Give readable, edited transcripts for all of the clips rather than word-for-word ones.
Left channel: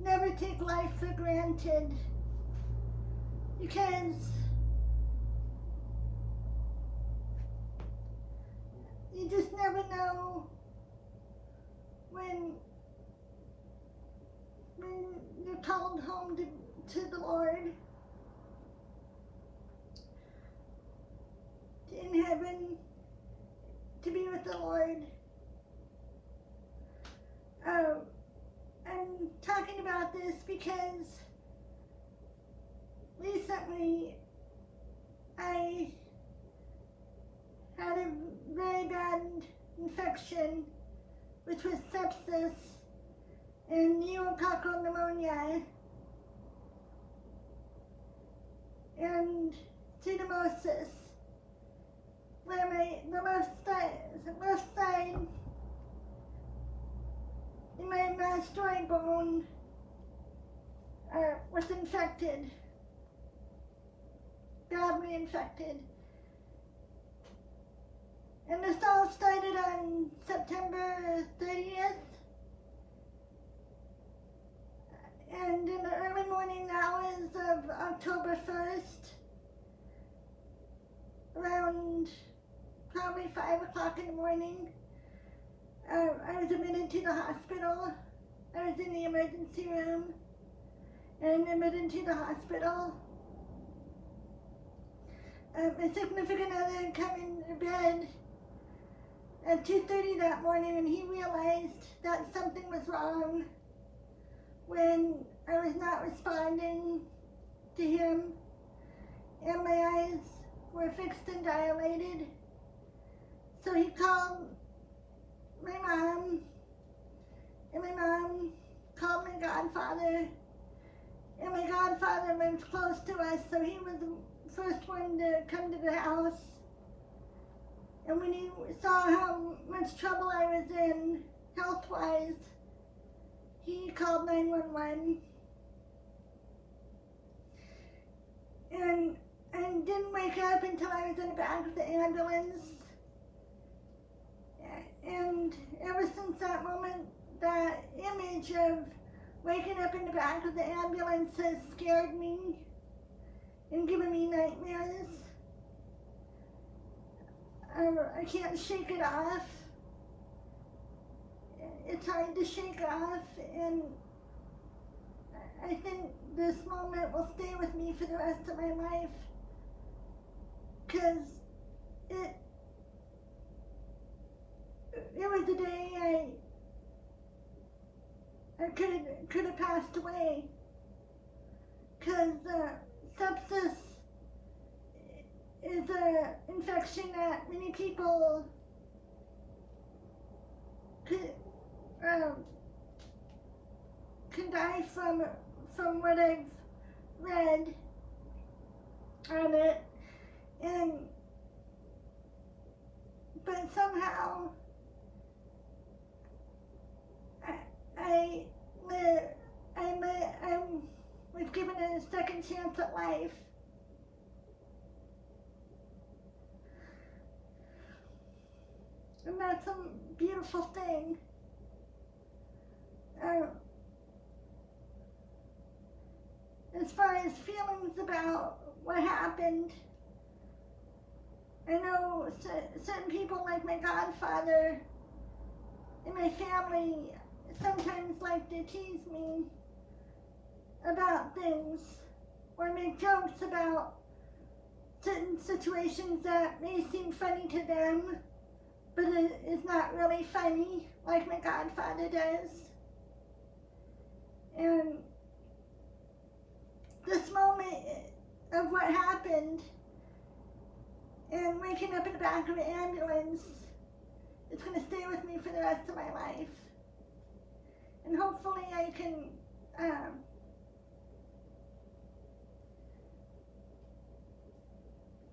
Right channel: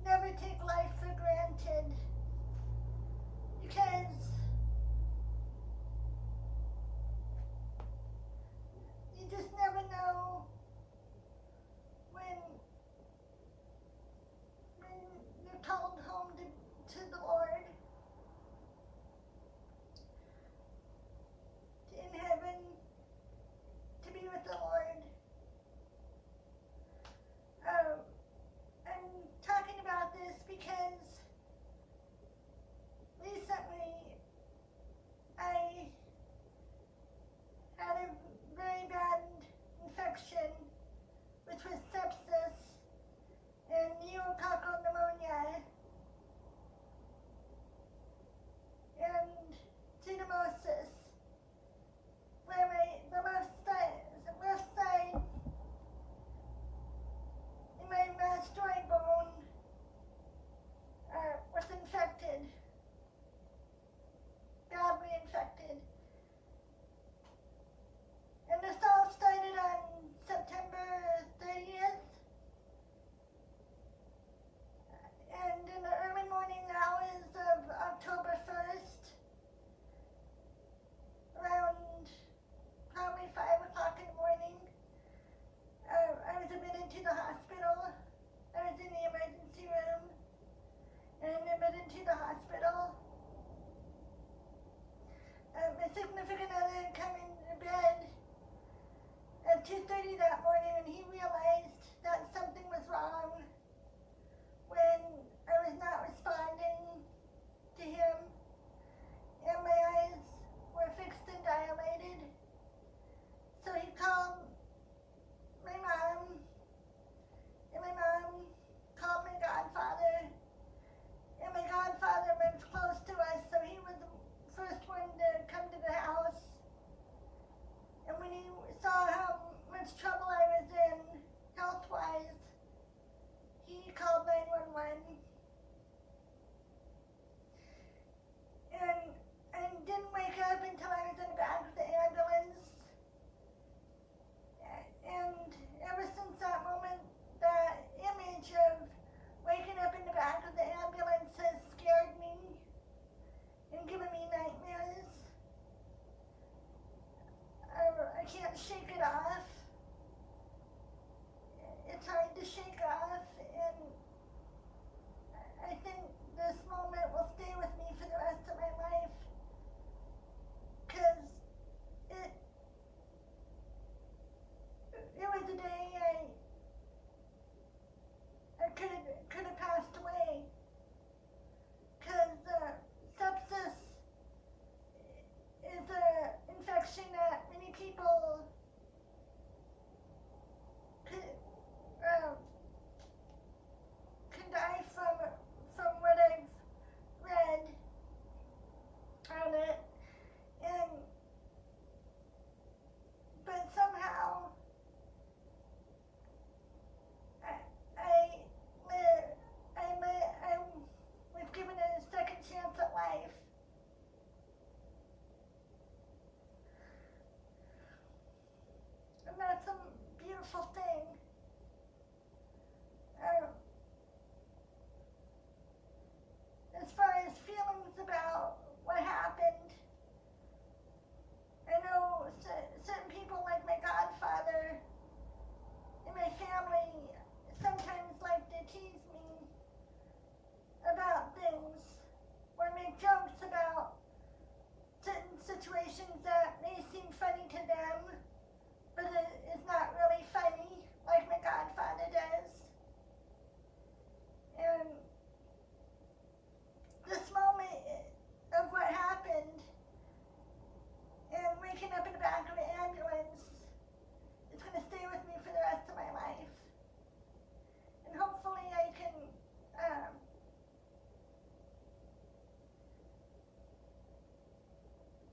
never take life for granted, because you just never know when you're called home to the Lord in heaven to be with the Lord. I'm talking about this because recently I had a very bad infection, which was sepsis and pneumococcal pneumonia and pseudomonas, where the left side in my mastoid bone was infected, badly infected. And this all started on September 30th. And in the early morning hours of October 1st, around probably 5 o'clock in the morning, I was admitted to the hospital. I was in the emergency room and admitted to the hospital. My significant other came in bed at 2:30 that morning, and he realized that something was wrong when I was not responding to him, and my eyes were fixed and dilated. So he called my mom, and my mom called my godfather, and my godfather lives close to us, so he was the first one to come to the house. And when he saw how much trouble I was in, health-wise, he called 911. And I didn't wake up until I was in the back of the ambulance. And ever since that moment, that image of waking up in the back of the ambulance has scared me and given me nightmares. I can't shake it off. It's hard to shake off, and I think this moment will stay with me for the rest of my life, because it was the day I could have passed away, because sepsis is an infection that many people can die from what I've read on it, but somehow I was given a second chance at life. And that's a beautiful thing. As far as feelings about what happened, I know certain people, like my godfather and my family, sometimes like to tease me about things or make jokes about certain situations that may seem funny to them, but it is not really funny, like my godfather does. And this moment of what happened and waking up in the back of an ambulance, it's going to stay with me for the rest of my life. And hopefully I can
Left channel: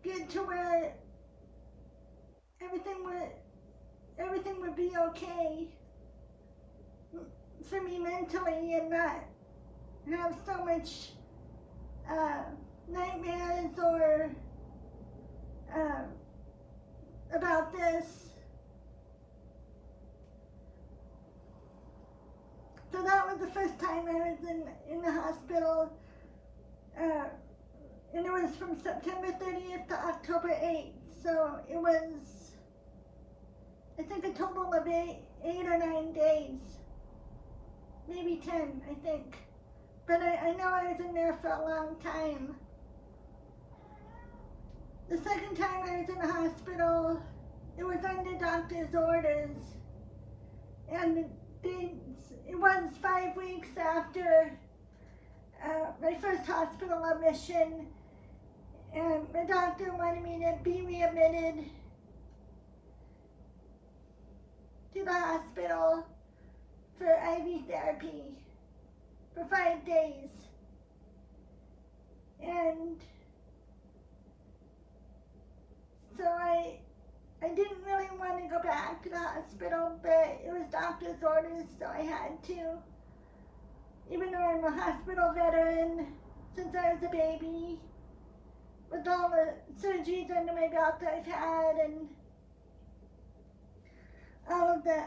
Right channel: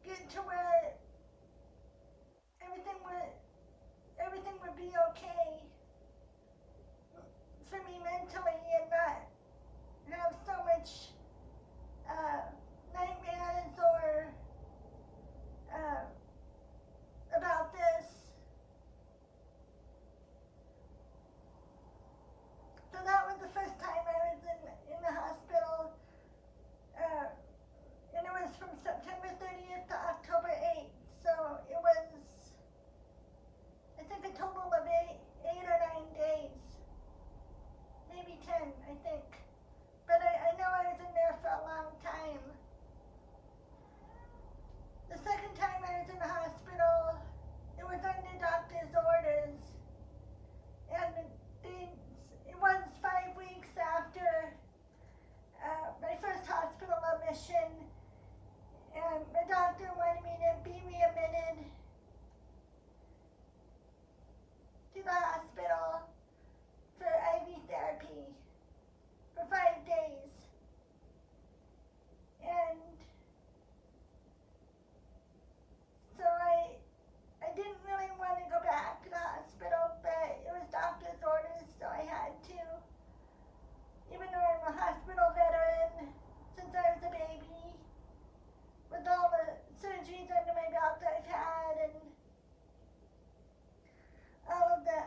get to where everything would be okay for me mentally, and not have so much nightmares or about this. So that was the first time I was in the hospital. And it was from September 30th to October 8th. So it was, I think, a total of eight or 9 days. Maybe 10, I think. But I know I was in there for a long time. The second time I was in the hospital, it was under doctor's orders. And it was 5 weeks after my first hospital admission. And my doctor wanted me to be readmitted to the hospital for IV therapy for 5 days. And so I didn't really want to go back to the hospital, but it was doctor's orders, so I had to. Even though I'm a hospital veteran since I was a baby, with all the surgeries under my belt that I've had and all of the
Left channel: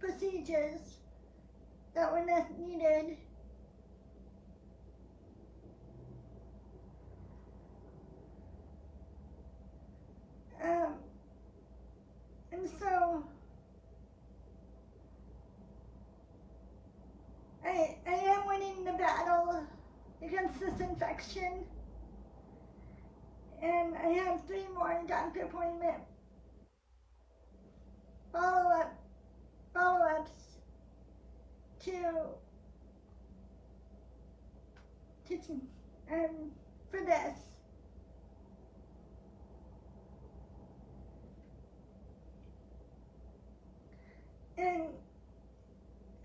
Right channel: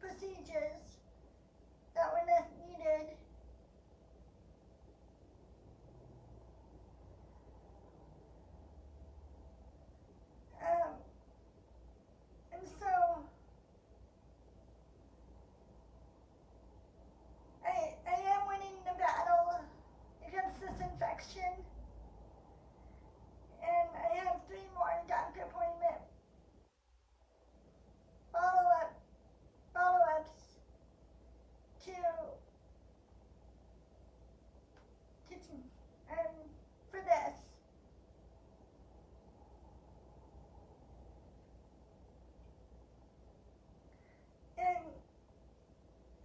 procedures that were needed. And so I am winning the battle against this infection, and I have 3 more doctor appointment follow-ups for this. And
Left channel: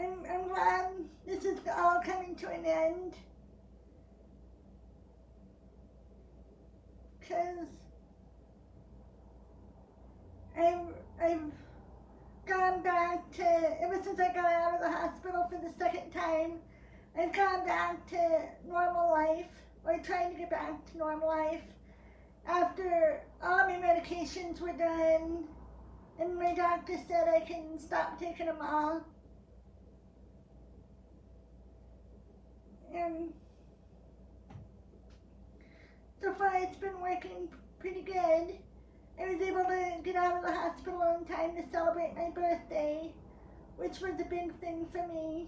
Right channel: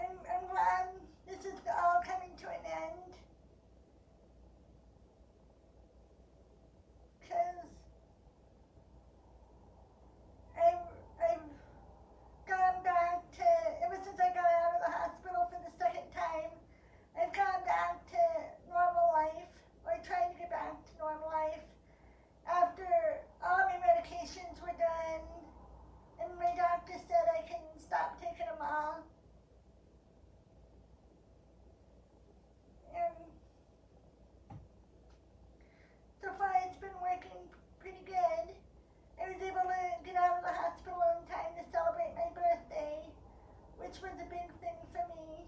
I'm glad this is all coming to an end, because I've gone back to, ever since I got out of the hospital for the second time, I've gone back to normal life, or trying to get back to normal life, after all of my medications were done, and my doctor said I can stop taking them all. And so far it's been working pretty good. I was able to get out of the hospital in time to celebrate my birthday, which was a big thing for me,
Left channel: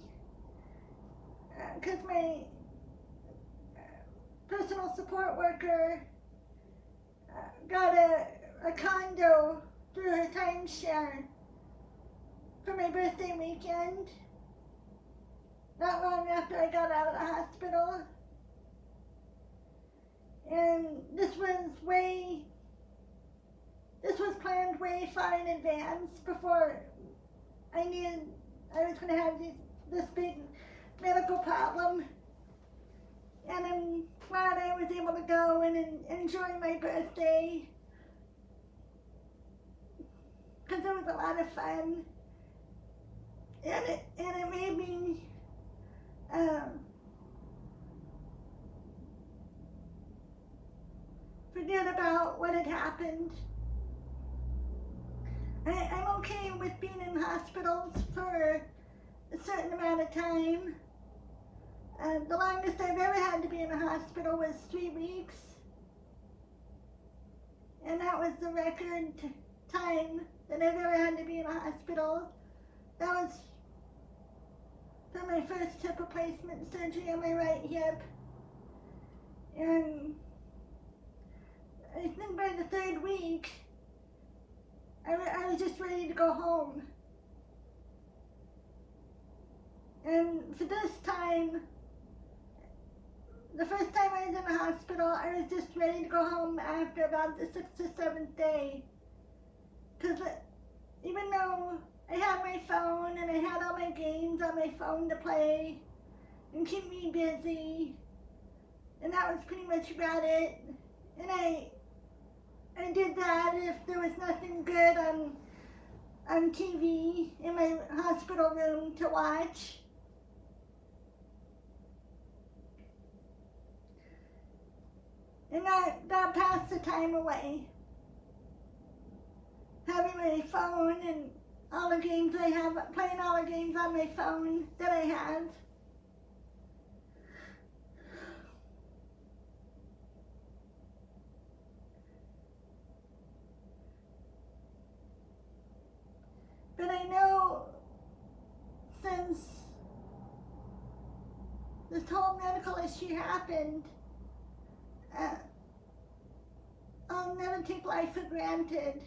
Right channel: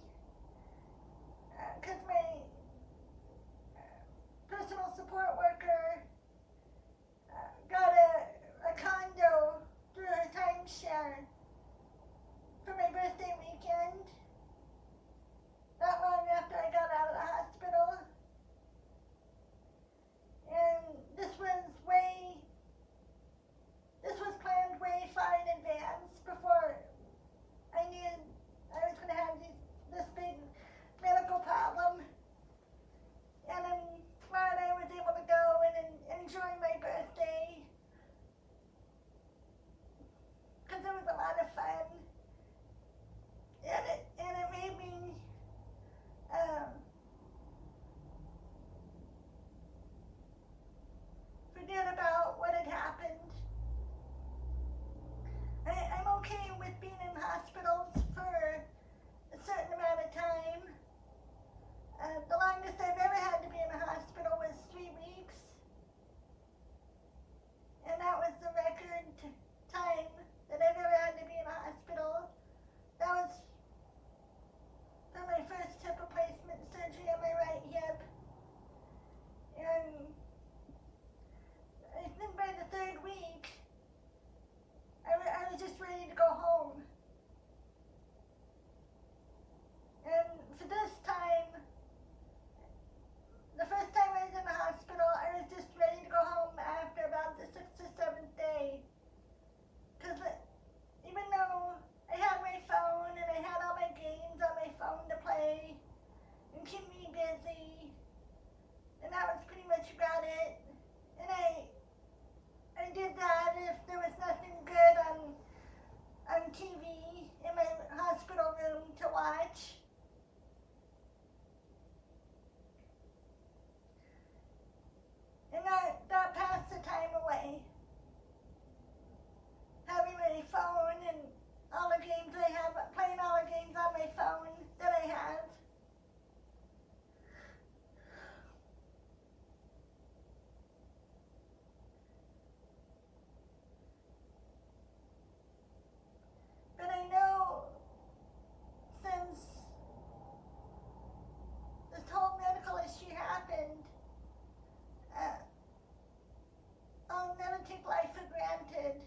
because my personal support worker got a condo through her timeshare for my birthday weekend, not long after I got out of the hospital. And this was planned way far in advance, before I knew I was going to have this big medical problem. And I'm glad I was able to go and enjoy my birthday, because it was a lot of fun, and it made me forget about what had happened. I'm okay with being in hospitals for a certain amount of time. The longest I've ever had to be in a hospital was 3 weeks, and that was the record time that I've ever had to be in a hospital. That was for my first hip replacement surgery on my right hip. And I think by the 3rd week, I was just ready to go home. And for this time, the first time I was in the hospital, I was just ready to go home after about the 6th or 7th day. Because even though I had my phone and I had all my games on my phone to play and keep me busy, and that was pretty much about it. And I did that if there was nothing good on TV in my hospital room to watch. And that passed the time away. Having my phone and all the games I have, playing all the games on my phone that I have. But I know since this whole medical issue happened, I'll never take life for granted,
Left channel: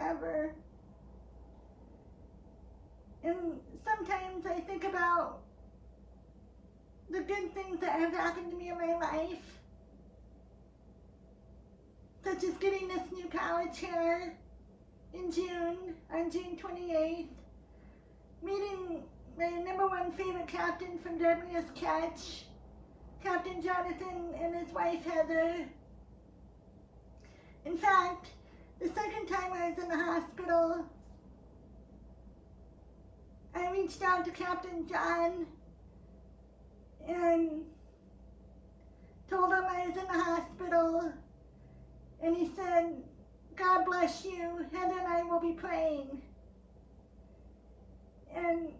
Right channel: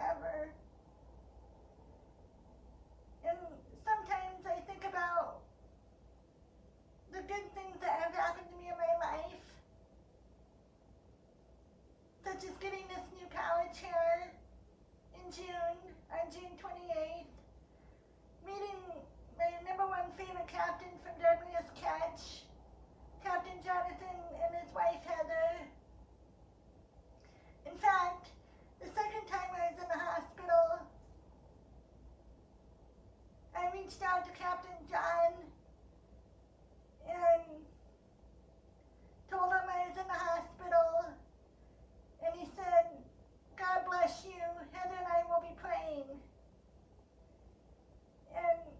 ever. And sometimes I think about the good things that have happened to me in my life, such as getting this new college chair in June, on June 28th, meeting my #1 favorite captain from Deadliest Catch, Captain Jonathan, and his wife Heather. In fact, the second time I was in the hospital, I reached out to Captain John and told him I was in the hospital, and he said, "God bless you, Heather and I will be praying." And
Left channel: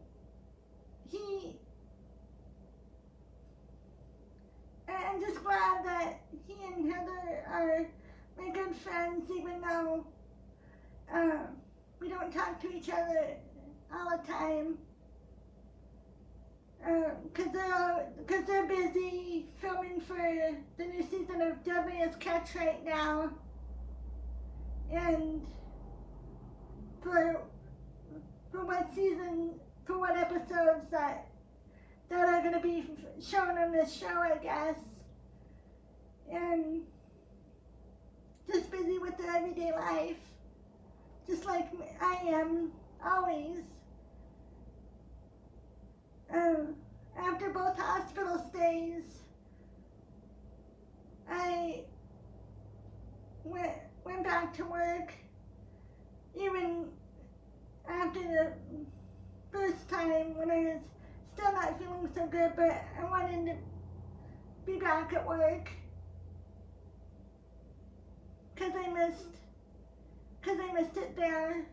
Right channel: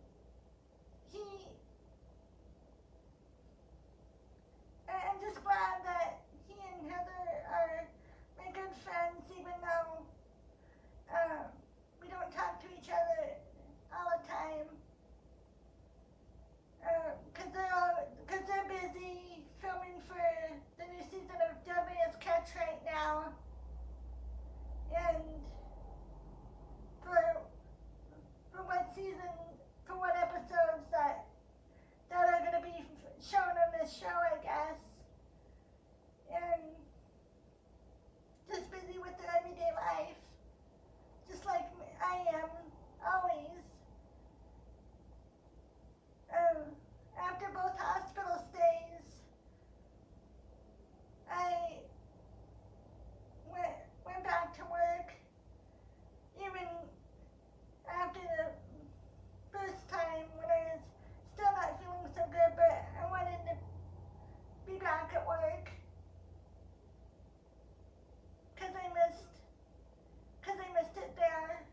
I'm just glad that he and Heather are my good friends, even though we don't talk to each other all the time, because they're busy filming for the new season of Deadliest Catch right now, and for what episodes that are going to be shown on this show, I guess, and just busy with their everyday life, just like I am always. After both hospital stays, I went back to work, even after the first time when I was still not feeling so good, but I wanted to be back at work because I missed it there.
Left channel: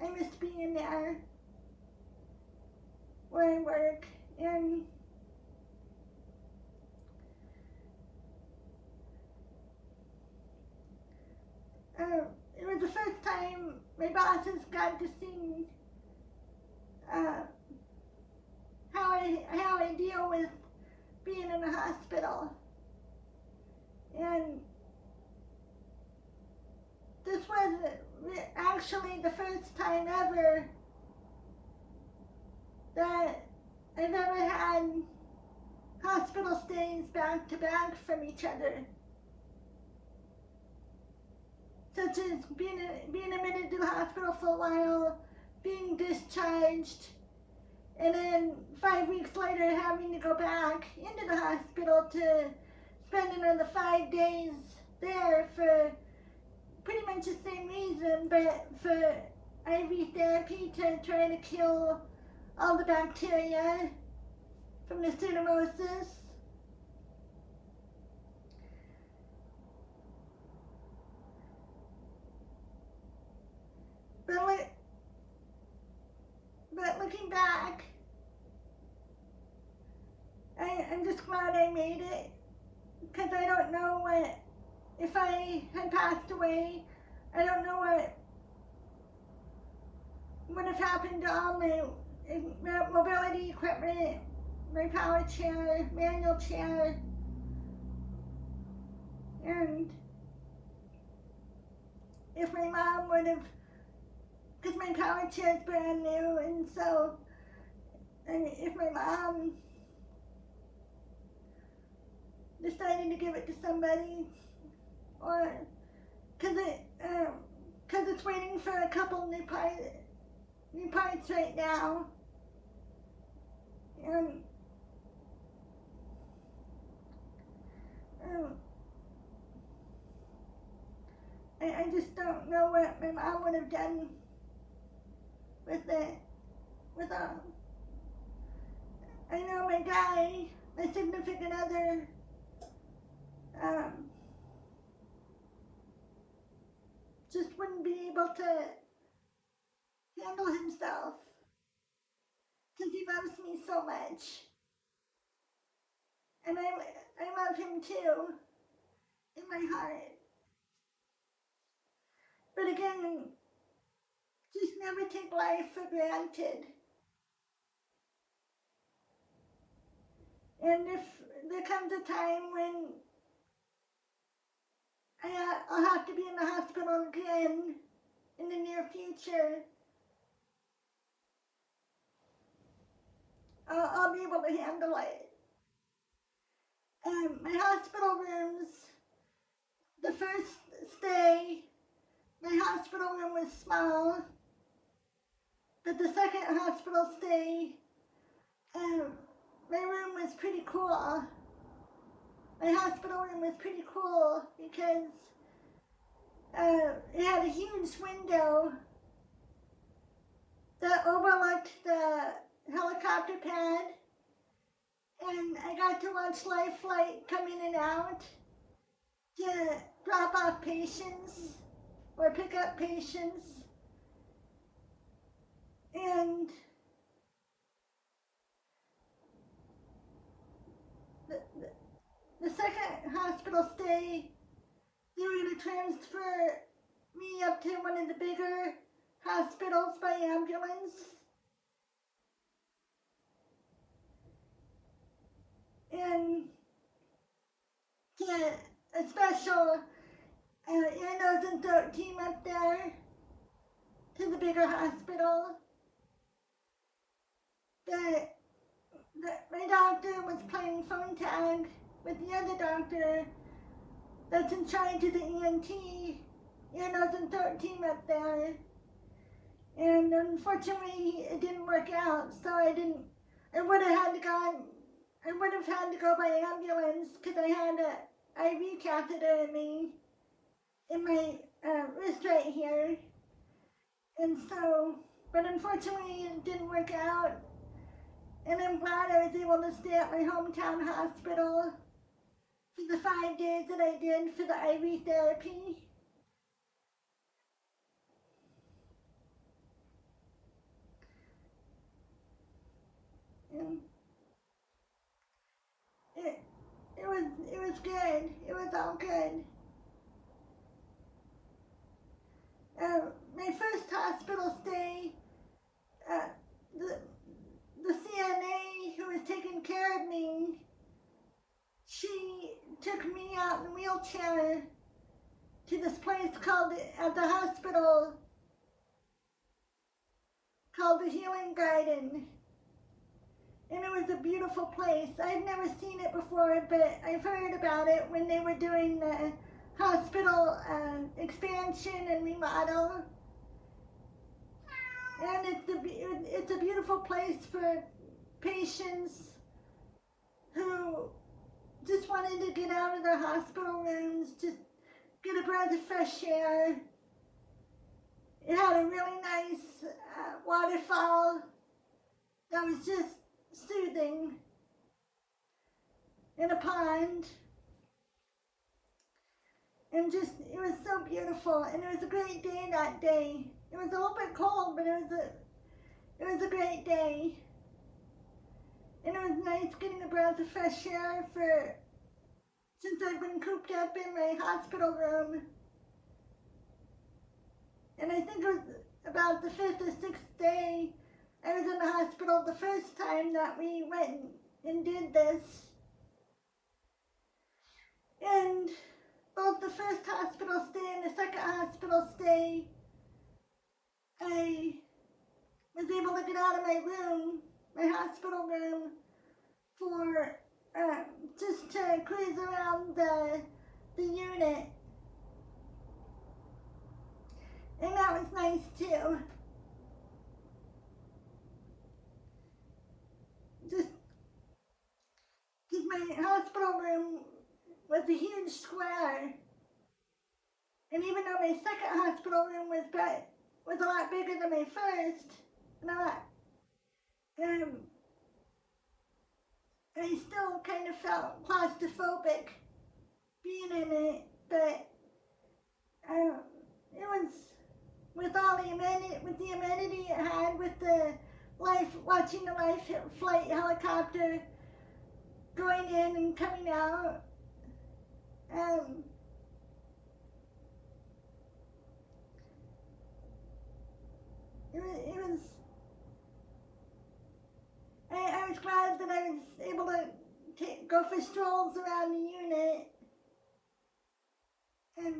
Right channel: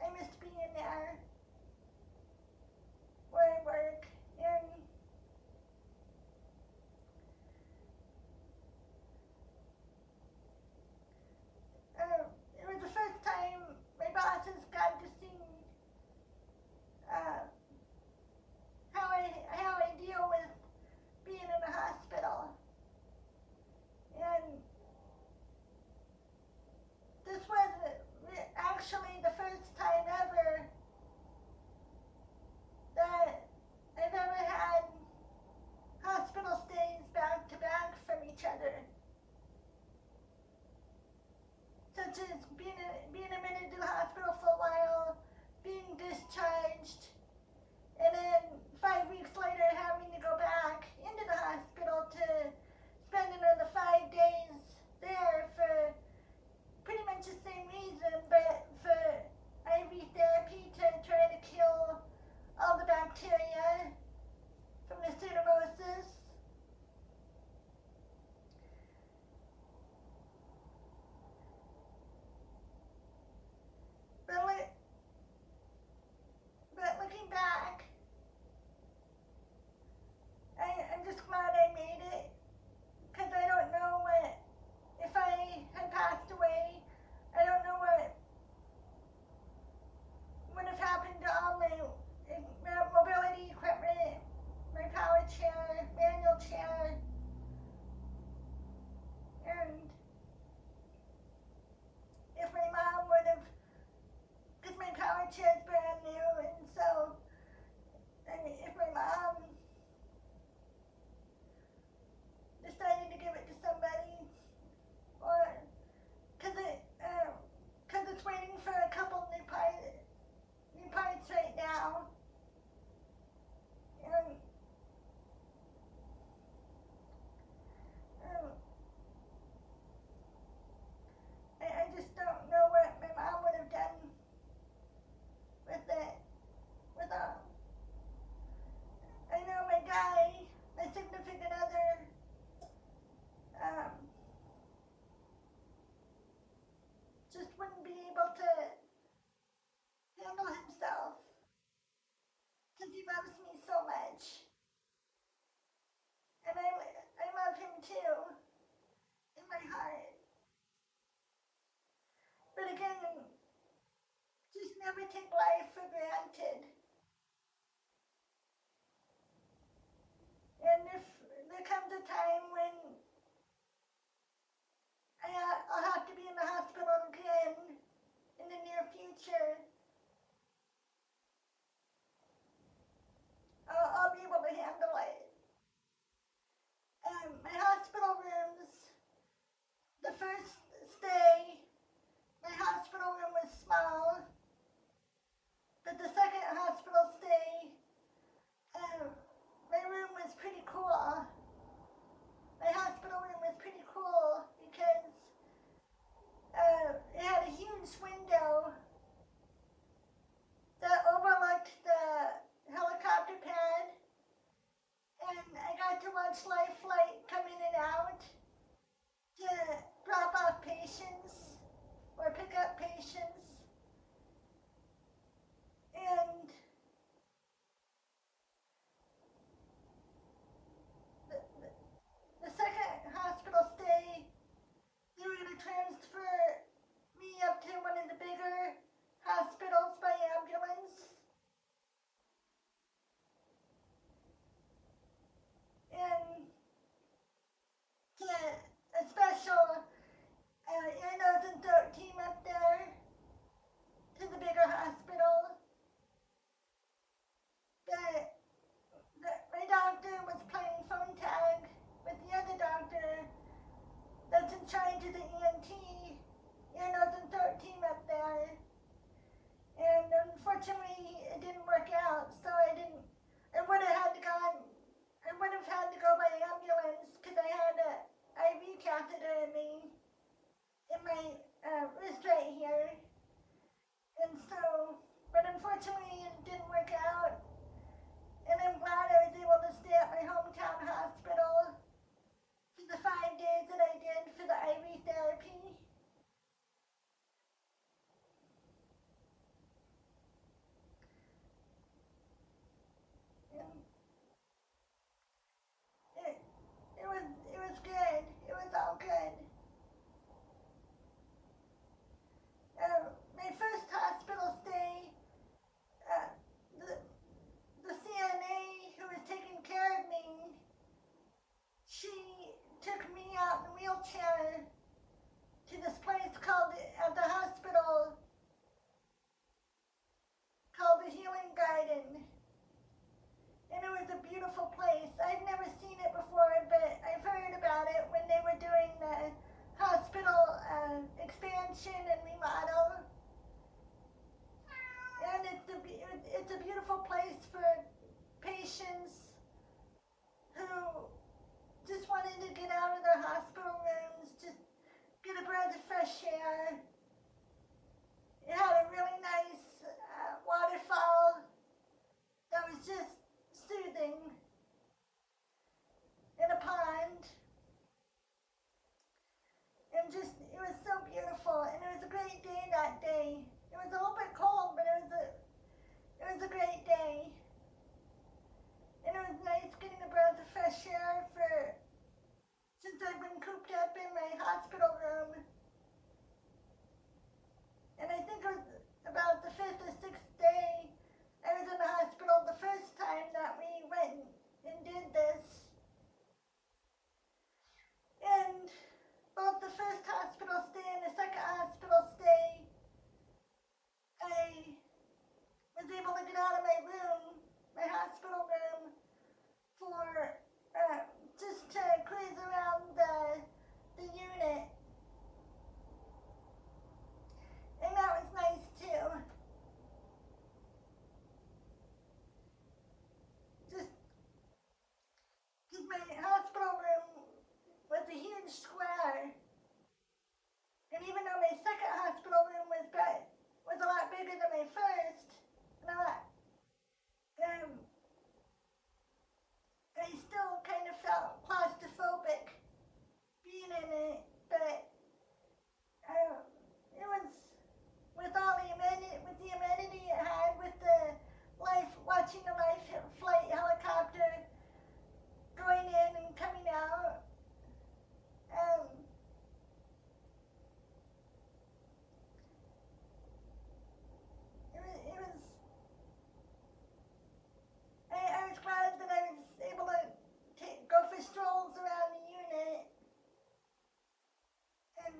I missed being there where I work, and it was the first time my bosses got to see how I deal with being in a hospital. And this was actually the first time ever that I've ever had hospital stays back to back from each other, such as being admitted to the hospital for a while, being discharged, and then 5 weeks later having to go back into the hospital to spend another 5 days there for pretty much the same reason, but for IV therapy to try to kill all the bacteria from the pseudomonas. But looking back, I'm just glad I made it, because I don't know what, if I had passed away, I don't know what would have happened to all my mobility equipment, my power chair, manual chair, and if my mom would have, because my power chair is brand new, and so, and if my mom decided to give it to somebody, or because it's waiting for a couple new parts right now, and I just don't know what my mom would have done with it, I know my guy, my significant other, just wouldn't be able to handle himself because he loves me so much. And I love him too in my heart. But again, just never take life for granted. And if there comes a time when I'll have to be in the hospital again in the near future, I'll be able to handle it. My hospital rooms, the first stay, my hospital room was small, but the second hospital stay, my room was pretty cool. My hospital room was pretty cool because it had a huge window that overlooked the helicopter pad, and I got to watch Life Flight come in and out to drop off patients or pick up patients. And the second hospital stay, they were going to transfer me up to one of the bigger hospitals by ambulance. And get a special ear, nose, and throat team up there to the bigger hospital. My doctor was playing phone tag with the other doctor that's in charge of the ENT, ear, nose, and throat team up there. And unfortunately, it didn't work out, so I would have had to go by ambulance because I had a IV catheter in my wrist right here. And so, but unfortunately it didn't work out. And I'm glad I was able to stay at my hometown hospital for the 5 days that I did for the IV therapy. And it was good. It was all good. My first hospital stay, the CNA who was taking care of me, she took me out in a wheelchair to this place at the hospital called the Healing Garden. And it was a beautiful place. I'd never seen it before, but I've heard about it when they were doing the hospital expansion and remodel. And it's a beautiful place for patients who just wanted to get out of their hospital rooms, just get a breath of fresh air. It had a really nice waterfall that was just soothing, in a pond, and just, it was so beautiful. And it was a great day that day. It was a little bit cold, but it was a great day. And it was nice getting a breath of fresh air since I've been cooped up in my hospital room. And I think it was about the 5th or 6th day I was in the hospital the first time that we went and did this. And both the first hospital stay and the second hospital stay, I was able to get out of my room, my hospital room, for just to cruise around the unit. And that was nice too. Just because my hospital room was a huge square, and even though my second hospital room was a lot bigger than my first, I still kind of felt claustrophobic being in it, but with all the amenity it had, with the watching the life flight helicopter going in and coming out. It was. I was glad that I was able to go for strolls around the unit, and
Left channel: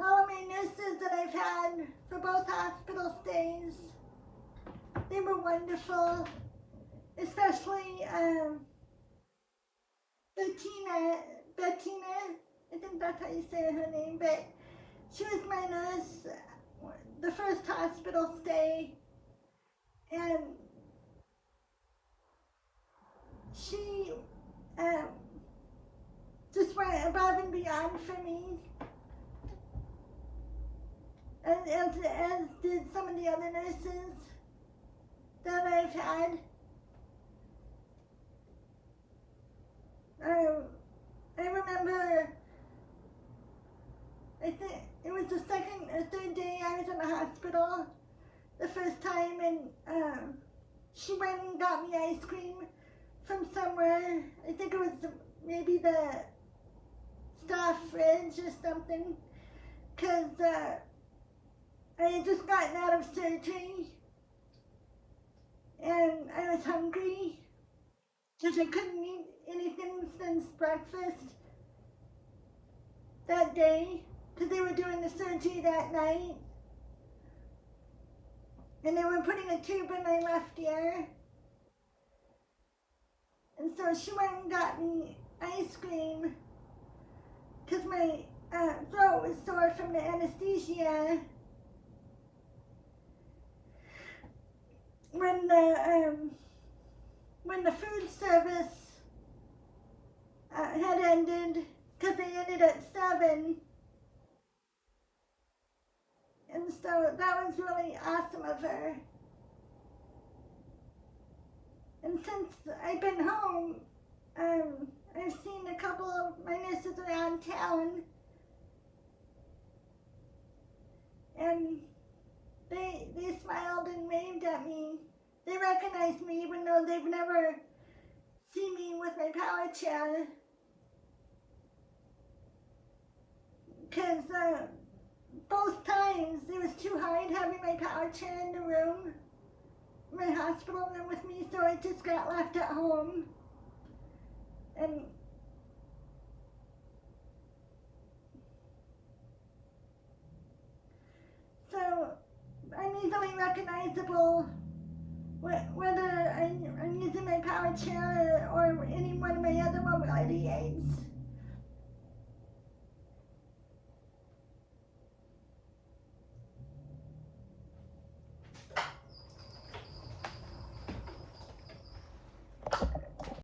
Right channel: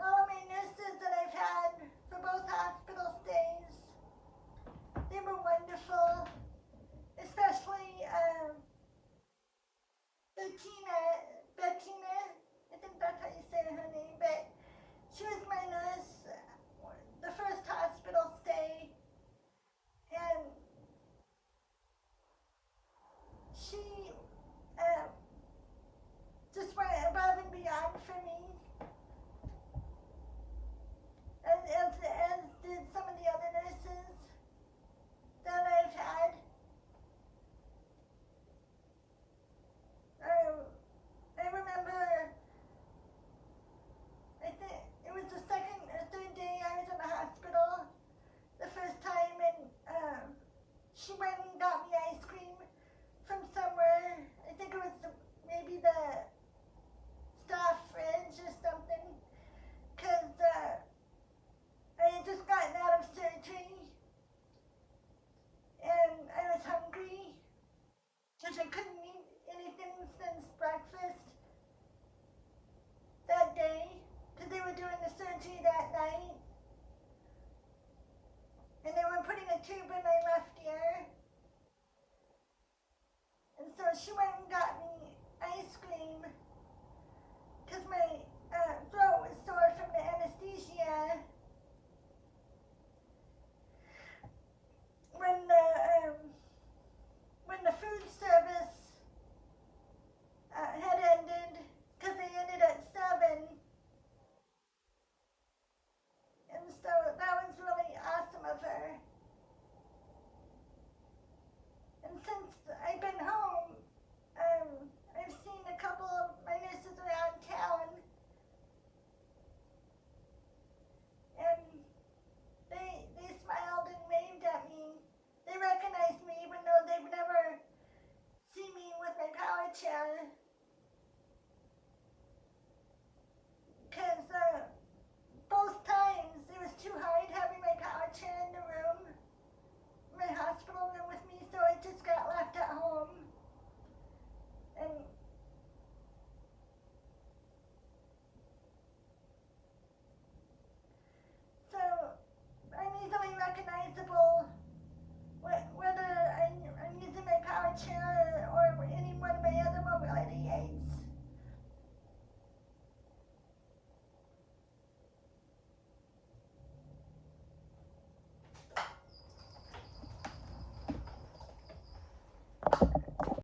all of my nurses that I've had for both hospital stays, they were wonderful, especially Bettina, I think that's how you say her name, but she was my nurse the first hospital stay, and she just went above and beyond for me, as did some of the other nurses that I've had. I remember, I think it was the second or third day I was in the hospital the first time, and she went and got me ice cream from somewhere. I think it was maybe the staff fridge or something, because I had just gotten out of surgery and I was hungry because I couldn't eat anything since breakfast that day, because they were doing the surgery that night and they were putting a tube in my left ear. And so she went and got me ice cream because my throat was sore from the anesthesia. When the food service had ended, because they ended at 7, and so that was really awesome of her. And since I've been home, I've seen a couple of my nurses around town, and they smiled and waved at me. They recognized me even though they've never seen me with my power chair. Because both times it was too hard having my power chair in the room, my hospital room with me, so I just got left at home. And so I'm easily recognizable whether I'm using my power chair or any one of my other mobility aids.